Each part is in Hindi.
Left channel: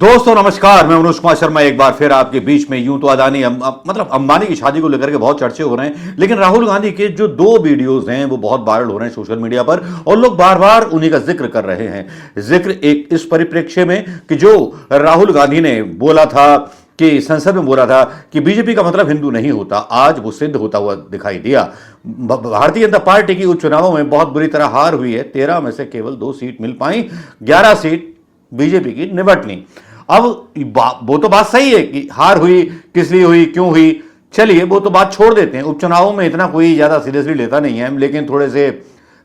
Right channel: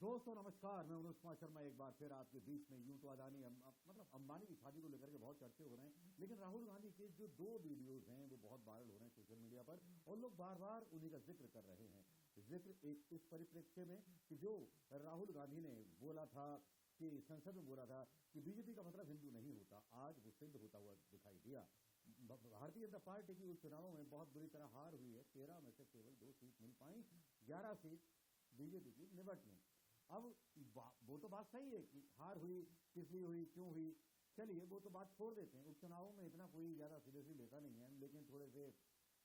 दोस्तों नमस्कार, मैं मनोज कुमार शर्मा एक बार फिर आपके बीच में। यूं तो अदानी मतलब अंबानी की शादी को लेकर के बहुत चर्चे हो रहे हैं, लेकिन राहुल गांधी के जो दो वीडियोस हैं वो बहुत वायरल हो रहे हैं सोशल मीडिया पर और लोग बार बार उन्हीं का जिक्र कर रहे हैं। जिक्र एक इस परिप्रेक्ष्य में कि जो राहुल गांधी ने बोला था कि संसद में बोला था कि बीजेपी का मतलब हिंदू नहीं होता, आज वो सिद्ध होता हुआ दिखाई दिया। भारतीय जनता पार्टी की उपचुनावों में बहुत बुरी तरह हार हुई है। 13 में से केवल 2 सीट मिल पाई, 11 सीट बीजेपी की निबट ली। अब वो तो बात सही है कि हार हुई, किस लिए हुई, क्यों हुई, चलिए वो तो बात छोड़ देते हैं। उपचुनावों में इतना कोई ज्यादा सीरियसली लेता नहीं है, लेकिन थोड़े से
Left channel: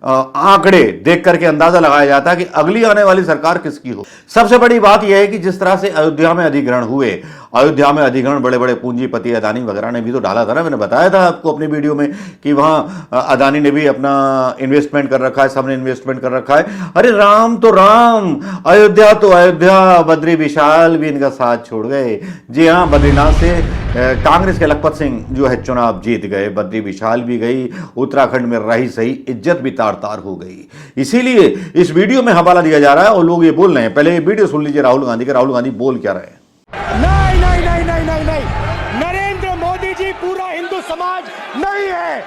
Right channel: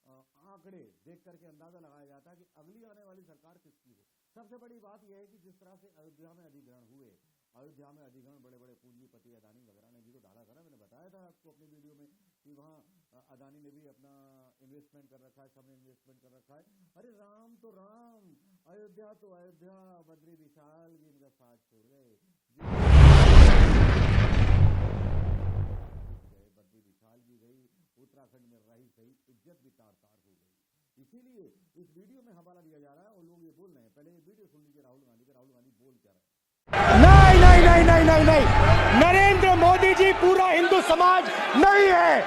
आंकड़े देख करके अंदाजा लगाया जाता है कि अगली आने वाली सरकार किसकी हो। सबसे बड़ी बात यह है कि जिस तरह से अयोध्या में अधिग्रहण हुए, अयोध्या में अधिग्रहण बड़े बड़े पूंजीपति अदानी वगैरह ने भी तो डाला था ना। मैंने बताया था आपको अपनी वीडियो में कि वहां अदानी ने भी अपना इन्वेस्टमेंट कर रखा है, सबने इन्वेस्टमेंट कर रखा है। अरे राम तो राम, अयोध्या तो अयोध्या, बद्री विशाल भी इनका साथ छोड़ गए। जी हाँ, बद्रीनाथ से कांग्रेस के लखपत सिंह जो है चुनाव जीत गए, बद्री विशाल भी गई, उत्तराखंड में रही सही, इज्जत भी तार तार हो गई। इसीलिए इस वीडियो में हवाला दिया जा रहा है और लोग ये बोल रहे हैं। पहले ये वीडियो सुन लीजिए राहुल गांधी का। राहुल गांधी बोल क्या रहे हैं। नहीं नहीं नहीं नहीं नहीं नहीं, नरेंद्र मोदी जी पूरा हिंदू समाज नहीं है,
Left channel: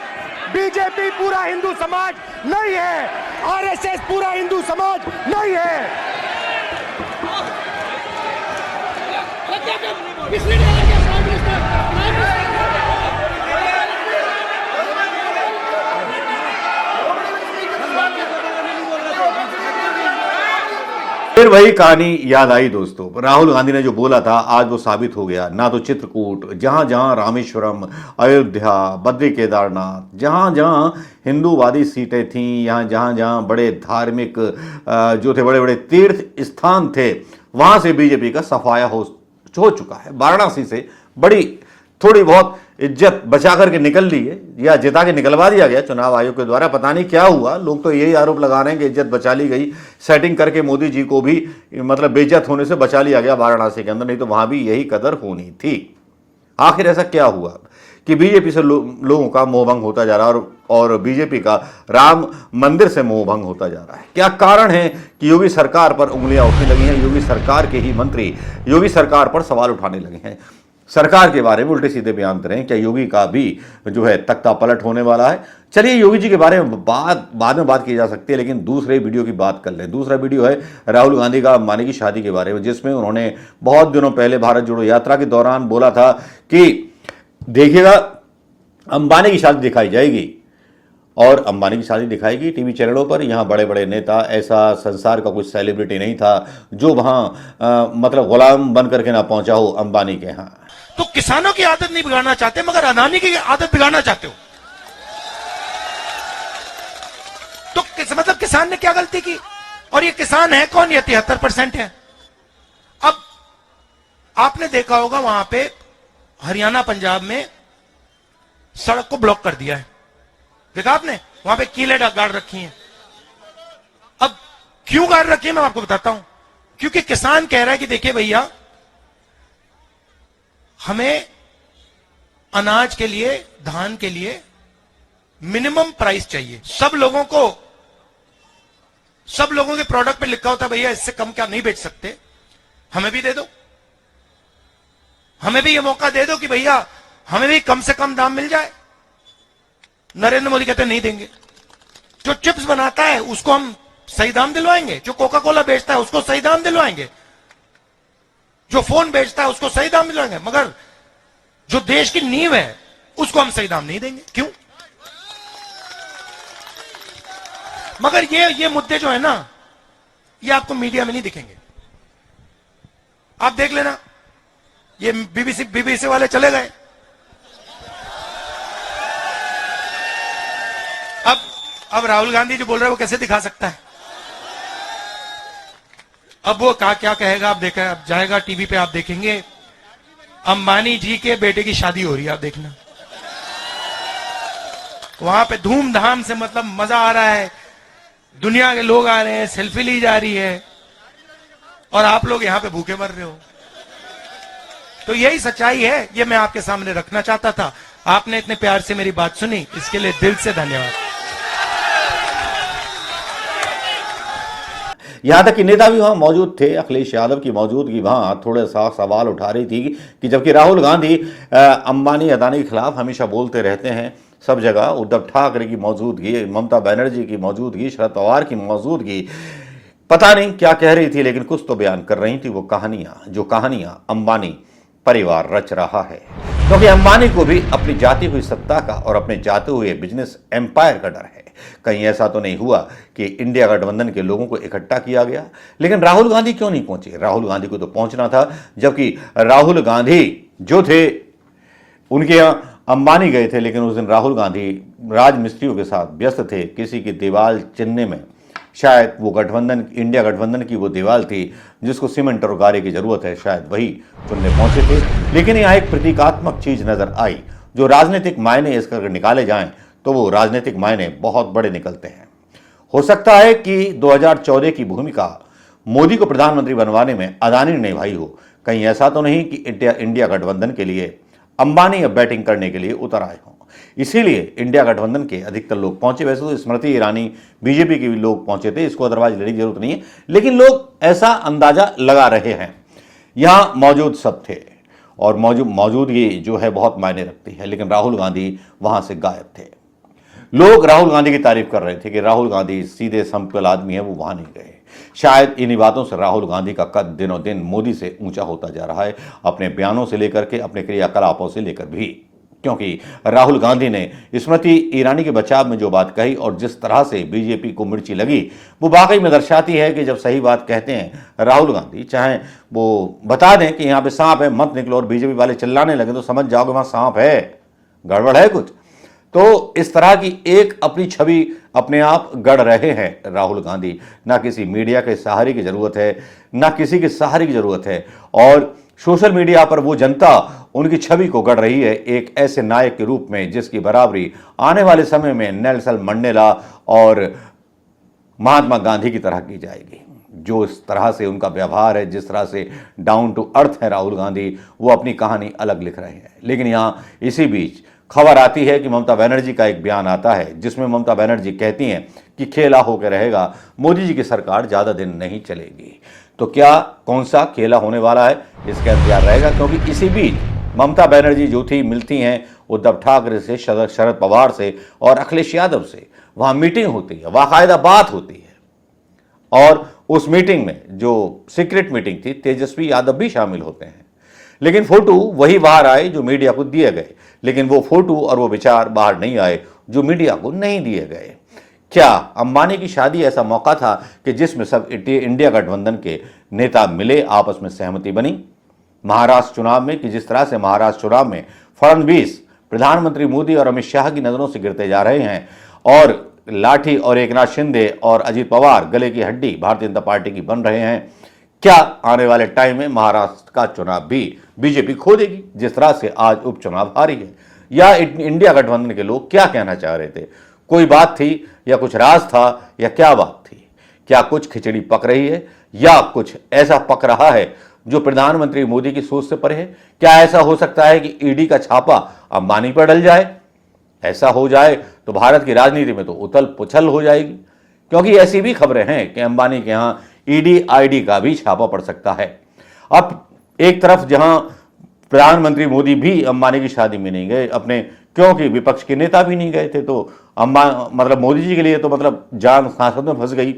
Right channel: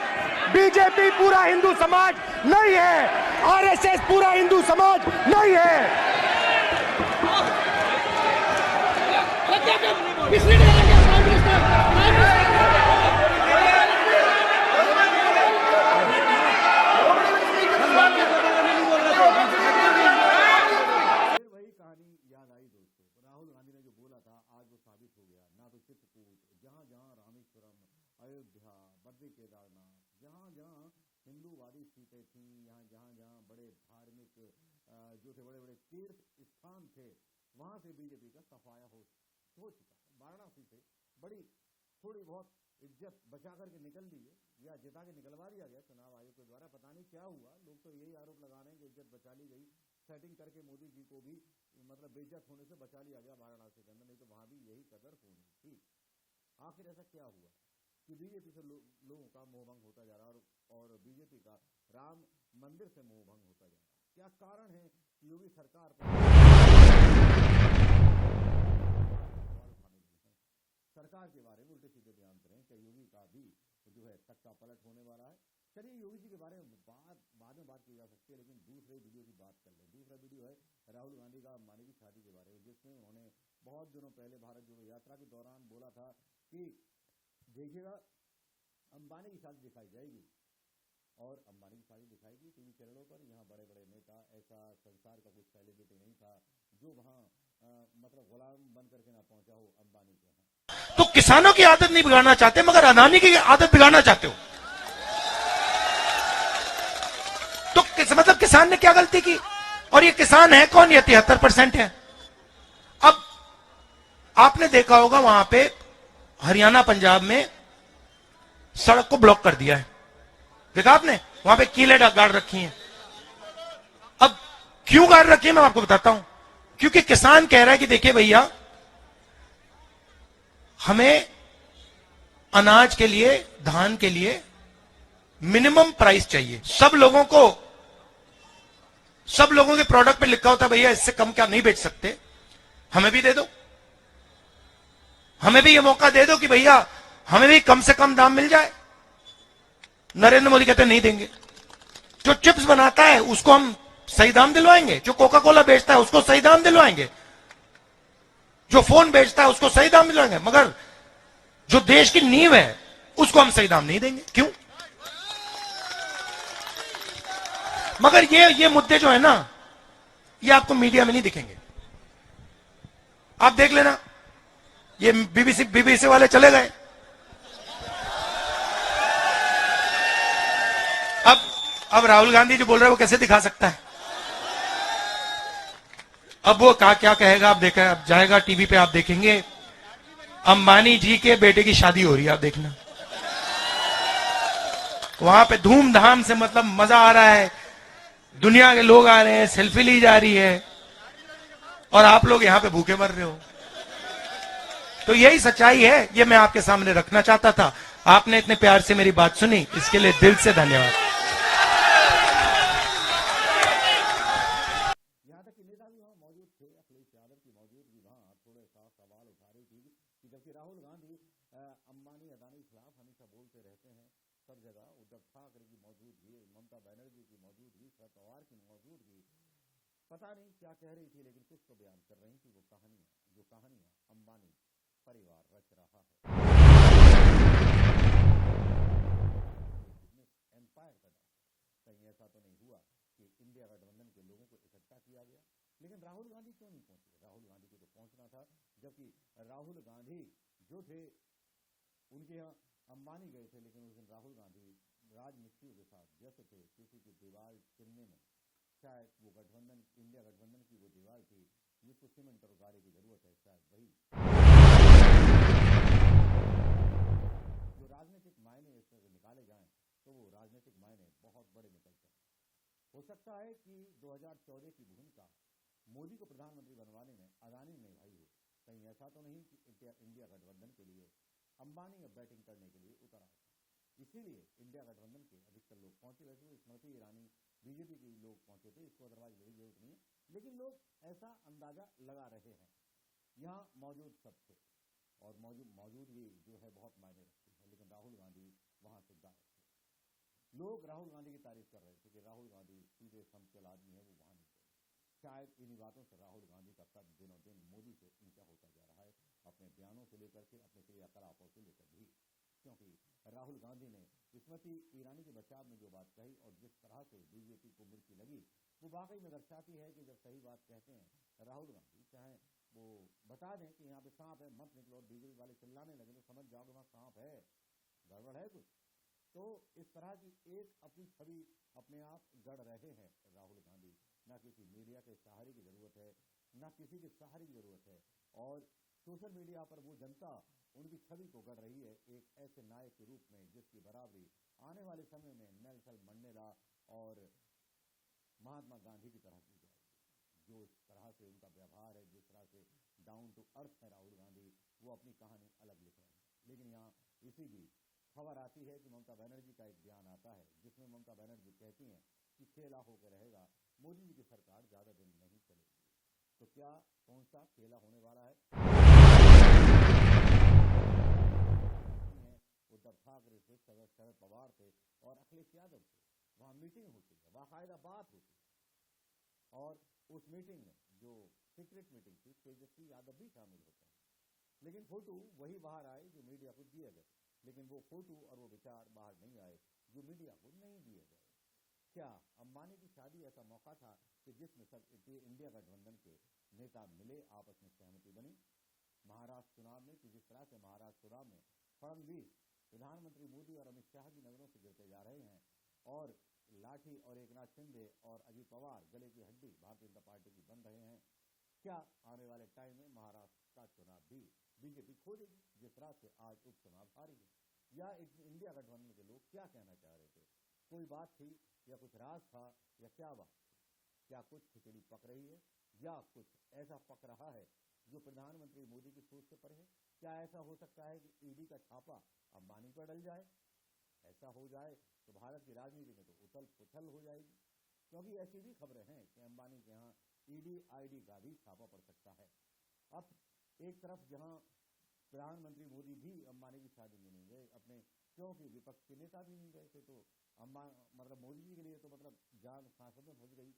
बीजेपी पूरा हिंदू समाज नहीं है, आरएसएस पूरा हिंदू समाज नहीं है। फिर वही कहानी याद आई दोस्तों। राहुल गांधी ने जो बोला था आज वो साबित हो गया। ना तो चित्रकूट, जहां जहां रामेश्वरम, अयोध्या, बद्री केदारनाथ, जहां जहां हिंदूवादी सीटें थीं, यहाँ जहां जहां बड़े धार्मिक जो थे, बड़े बड़े तीर्थ स्थान थे, वहां से बीजेपी का सफाया हो चुका है। वाराणसी से बड़ी थोड़ी बहुत इज्जत बचा करके निकल ली है, या जिता के निकलवा दिया गया चुनाव आयोग के द्वारा। पता नहीं क्या हुआ, लोग तो यही आरोप लगा रहे हैं कि इज्जत बचा ली गई, सेटिंग करके मोदी जी को भी मतलब बेइज्जत होने से बचा लिया गया वाराणसी के अंदर, नहीं तो वहां भी यही कदर होनी थी। आखिर ऐसा क्या हुआ कि बीजेपी से लोगों का मोहभंग होता जा रहा है और बीजेपी का राम मंदिर से मोहभंग होता जा रहा है। क्या कारण है कि योगी सरकार पर उंगलियां उठने लगी हैं, योगी सरकार के ही मंत्री योगी सरकार पर सवाल उठाने लगे हैं, सरकार के बारे में उल्टे सीधे बयान करें। क्या योगी का भी जो है तख्ता पलट होने वाला है? चलिए योगी जी के बारे में बाद में बात की जा सकती है, लेकिन दूसरे वीडियो की बात कर लें। दूसरा वीडियो है राहुल गांधी का अंबानी की शादी के बारे में, जिसमें उन्होंने बहुत दिनों पहले भारत जोड़ो यात्रा के दौरान बोला था कि देखिएगा अंबानी की शादी दिखाई जाएगी, और अंबानी की शादी दिखाएगी टीवी चैनलों पर। यहाँ बड़े बड़े नेता, ऐसा संसार का कुछ सेलिब्रिटी नहीं था जो वहां मतलब गुलाम बन करके ना पहुंचा हो अंबानी के यहाँ। तो किसानों की आदत नहीं बिगाड़ना चाहते, मगर अदानी की आदत बिगाड़ना चाहते हो। तो मतलब किसान ने क्या गलती की? और ये किसान है कौन? ये 73% है। अब आपने देखा होगा वहां पे हरियाणा पंजाब में सड़क को ब्लॉक कर दिया है, देखा आपने? वहां पे कीले गाड़ रखी हैं। अब क्यों गाड़ रखी है मैं आपको बताता हूं। क्योंकि किसान कह रहा है कि देखिए भैया, हमें अनाज के लिए, धान के लिए मिनिमम प्राइस चाहिए। सब लोगों के प्रोडक्ट पे लिखा होता है भैया इससे कम क्या नहीं बेच सकते, हमें भी दे दो, हमें भी ये मौका दे दो कि भैया हमें भी कम से कम दाम मिल जाए। नरेंद्र मोदी कहते नहीं देंगे। जो चिप्स बनाता है उसको हम सही दाम दिलवाएंगे, जो कोका कोला बेचता है उसको सही दाम दिलवाएंगे, जो फोन बेचता है उसको सही दाम दिलवाएंगे, मगर जो देश की नींव है उसको हम सही दाम नहीं देंगे। क्यों? मगर ये मुद्दे जो है ना, ये आपको मीडिया में नहीं दिखेंगे। आप देख लेना, ये बीबीसी वाले चले गए। अब राहुल गांधी जो बोल रहे हैं वो कैसे दिखा सकता है? अब वो क्या कहेगा? आप देखा, अब जाएगा टीवी पे, आप देखेंगे अंबानी जी के बेटे की शादी हो रही है, आप देखना। वहां पे धूमधाम से मतलब मजा आ रहा है, दुनिया के लोग आ रहे हैं, सेल्फी ली जा रही है, और आप लोग यहां पे भूखे मर रहे हो। तो यही सच्चाई है, ये मैं आपके सामने रखना चाहता था। आपने इतने प्यार से मेरी बात सुनी, इसके लिए दिल से धन्यवाद। यहाँ तक कि नेता भी वहाँ मौजूद थे। अखिलेश यादव की मौजूदगी वहाँ थोड़ा सा सवाल उठा रही थी कि जबकि राहुल गांधी अंबानी अदानी के खिलाफ हमेशा बोलते रहते हैं सब जगह, उद्धव ठाकरे की मौजूदगी, ममता बनर्जी की मौजूदगी, शरद पवार की मौजूदगी पता नहीं क्या कह रही थी, लेकिन कुछ तो बयान कर रही थी वो कहानियां अंबानी परिवार रच रहा है। क्योंकि अंबानी को भी अपनी जाती हुई सत्ता का और अपने जाते हुए बिजनेस एम्पायर का डर है। कहीं ऐसा तो नहीं हुआ कि इंडिया गठबंधन के लोगों को इकट्ठा किया गया, लेकिन राहुल गांधी क्यों नहीं पहुंचे? राहुल गांधी को तो पहुंचना था, जबकि राहुल गांधी जो थे उनके यहाँ अंबानी गए थे, लेकिन उस दिन राहुल गांधी राजमिस्त्रियों के साथ व्यस्त थे किसी की दीवार चिनने में। शायद वो गठबंधन, इंडिया गठबंधन की वो दीवार थी जिसको सीमेंट और गारे की जरूरत है, शायद वही चुनने पहुंचे थे। लेकिन यहाँ एक प्रतीकात्मक चीज नजर आई, जो राजनीतिक मायने इसका अगर निकाले जाएं तो वो राजनीतिक मायने बहुत बड़े निकलते हैं। हो सकता है कि 2014 की भूमिका मोदी को प्रधानमंत्री बनवाने में अदानी ने निभाई हो। कहीं ऐसा तो नहीं कि इंडिया गठबंधन के लिए अंबानी अब बैटिंग करने के लिए उतर आए हों, इसीलिए इंडिया गठबंधन के अधिकतर लोग पहुंचे। वैसे तो स्मृति ईरानी, बीजेपी के भी लोग पहुंचे थे, इसको अदरवाइज लड़ने की जरूरत नहीं है, लेकिन लोग ऐसा अंदाजा लगा रहे हैं। यहां मौजूद सब थे और मौजूदगी जो है बहुत मायने रखती है, लेकिन राहुल गांधी वहां से गायब थे। लोग राहुल गांधी की तारीफ कर रहे थे कि राहुल गांधी सीधे सिंपल आदमी है, वो वहां नहीं गए। शायद इन्हीं बातों से राहुल गांधी का कद दिनों दिन मोदी से ऊंचा होता जा रहा है, अपने बयानों से लेकर के, अपने क्रियाकलापों से लेकर भी। क्योंकि राहुल गांधी ने स्मृति ईरानी के बचाव में जो बात कही और जिस तरह से बीजेपी को मिर्ची लगी, वो वाकई में दर्शाती है कि जब सही बात कहते हैं राहुल गांधी, चाहे वो बता दें कि यहाँ पे सांप है मत निकलो, और बीजेपी वाले चिल्लाने लगे तो समझ जाओगे वहां सांप है, गड़बड़ है कुछ। तो इस तरह की एक अपनी छवि अपने आप गढ़ रहे हैं राहुल गांधी। ना किसी मीडिया के सहारे की जरूरत है, ना किसी के सहारे की जरूरत है, और सोशल मीडिया पर वो जनता उनकी छवि को गढ़ रही है एक ऐसे नायक के रूप में जिसकी बराबरी आने वाले समय में नेल्सन मंडेला और महात्मा गांधी की तरह की जाएगी। जो इस तरह से उनका व्यवहार है, जिस तरह से डाउन टू अर्थ है राहुल गांधी, वो अपनी कहानी अलग लिख रहे हैं। लेकिन यहाँ इसी बीच खबर आती है कि ममता बनर्जी का एक बयान आता है जिसमें ममता बनर्जी कहती हैं कि खेला होकर रहेगा, मोदी जी की सरकार ज्यादा दिन नहीं चलेगी। तो क्या कौन सा खेला होने वाला है, इसका इंतजार रहेगा। क्योंकि इसी बीच ममता बनर्जी जो थी मिलती हैं उद्धव ठाकरे से, शरद पवार से और अखिलेश यादव से। वहां मीटिंग होती है, बाकायदा बात होती है, और उस मीटिंग में जो सीक्रेट मीटिंग थी, तेजस्वी यादव भी शामिल होते हैं। लेकिन फोटो वही बाहर आए जो मीडिया को दिए गए, लेकिन वो फोटो और वो विचार बाहर नहीं आए जो मीडिया को नहीं दिए गए। क्या अंबानी की शादी ऐसा मौका था कि जिसमें सब इंडिया गठबंधन के नेता मिले, आपस में सहमति बनी? महाराष्ट्र चुनाव में कि जिस तरह से महाराष्ट्र चुनाव में फडणवीस प्रधानमंत्री मोदी और अमित शाह की नजरों से गिरते जा रहे हैं, और लाठी और एकनाथ शिंदे और अजीत पवार गले की हड्डी भारतीय जनता पार्टी की बन रहे हैं, क्या आने वाले टाइम में महाराष्ट्र का चुनाव भी बीजेपी खो देगी जिस तरह से आज उपचुनाव हारी है? या इंडिया गठबंधन के लोग क्या कहना चाह रहे थे? कोई बात थी या कुछ राज था, या क्या बात थी? क्या कुछ खिचड़ी पक रही है या कुछ ऐसा पक रहा है जो प्रधानमंत्री मोदी की सोच से परे है? क्या ऐसा हो सकता है कि ईडी का छापा अंबानी पर डल जाए? ऐसा हो जाए तो भारत की राजनीति में तो उथल पुथल हो जाएगी, क्योंकि ऐसी भी खबरें हैं कि अंबानी के यहां ईडी आईडी का भी छापा पड़ सकता है। अब एक तरफ जहां प्रधानमंत्री मोदी भी अंबानी की शादी में नहीं गए अपने, क्योंकि विपक्ष के नेता भी नहीं गए थे, तो मतलब मोदी जी के लिए तो मतलब जान सांसद में फंस गई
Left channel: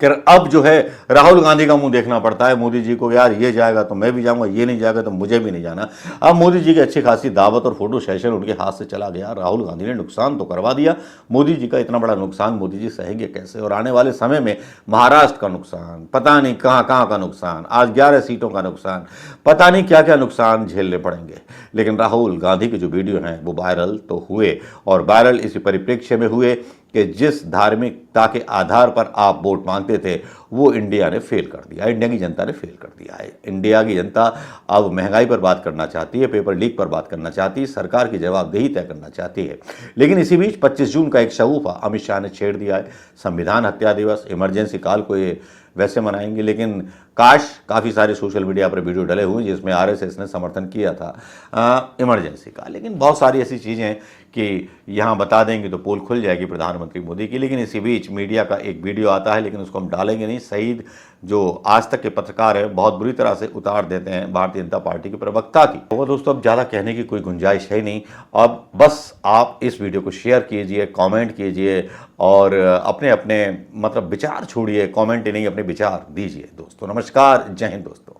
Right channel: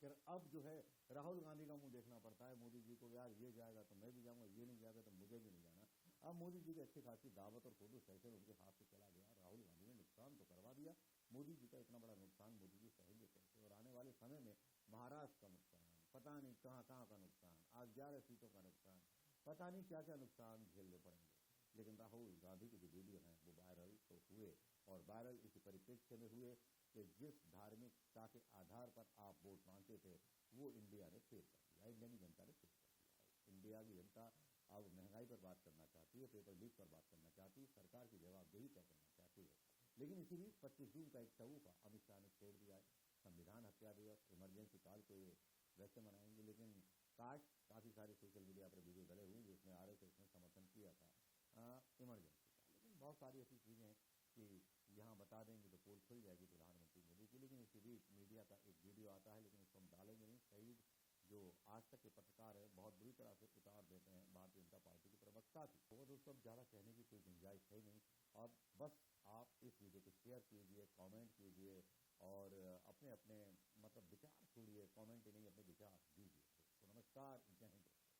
कि अब जो है राहुल गांधी का मुंह देखना पड़ता है मोदी जी को, यार ये जाएगा तो मैं भी जाऊंगा, ये नहीं जाएगा तो मुझे भी नहीं जाना। अब मोदी जी की अच्छी खासी दावत और फोटो सेशन उनके हाथ से चला गया। राहुल गांधी ने नुकसान तो करवा दिया, मोदी जी का इतना बड़ा नुकसान मोदी जी सहेंगे कैसे? और आने वाले समय में महाराष्ट्र का नुकसान, पता नहीं कहाँ कहाँ का नुकसान, आज 11 सीटों का नुकसान, पता नहीं क्या क्या नुकसान झेलने पड़ेंगे। लेकिन राहुल गांधी के जो वीडियो हैं वो वायरल तो हुए, और वायरल इसी परिप्रेक्ष्य में हुए कि जिस धार्मिकता के आधार पर आप वोट मांगते थे वो इंडिया ने फेल कर दिया, इंडिया की जनता ने फेल कर दिया है। इंडिया की जनता अब महंगाई पर बात करना चाहती है, पेपर लीक पर बात करना चाहती है, सरकार की जवाबदेही तय करना चाहती है। लेकिन इसी बीच 25 जून का एक शगुफा अमित शाह ने छेड़ दिया है। संविधान हत्या दिवस, इमरजेंसी काल को ये वैसे मनाएंगे, लेकिन काश काफ़ी सारे सोशल मीडिया पर वीडियो डले हुए जिसमें आरएसएस ने समर्थन किया था इमरजेंसी का, लेकिन बहुत सारी ऐसी चीज़ें हैं कि यहाँ बता देंगे तो पोल खुल जाएगी प्रधानमंत्री मोदी की। लेकिन इसी बीच मीडिया का एक वीडियो आता है, लेकिन उसको हम डालेंगे नहीं। सईद जो आज तक के पत्रकार है बहुत बुरी तरह से उतार देते हैं भारतीय जनता पार्टी के प्रवक्ता की। तो दोस्तों अब ज़्यादा कहने की कोई गुंजाइश है नहीं। अब बस आप इस वीडियो को शेयर कीजिए, कमेंट कीजिए और अपने अपने मतलब विचार छोड़िए, कमेंट ही नहीं अपने विचार दीजिए दोस्तों। नमस्कार, जय हिंद दोस्तों।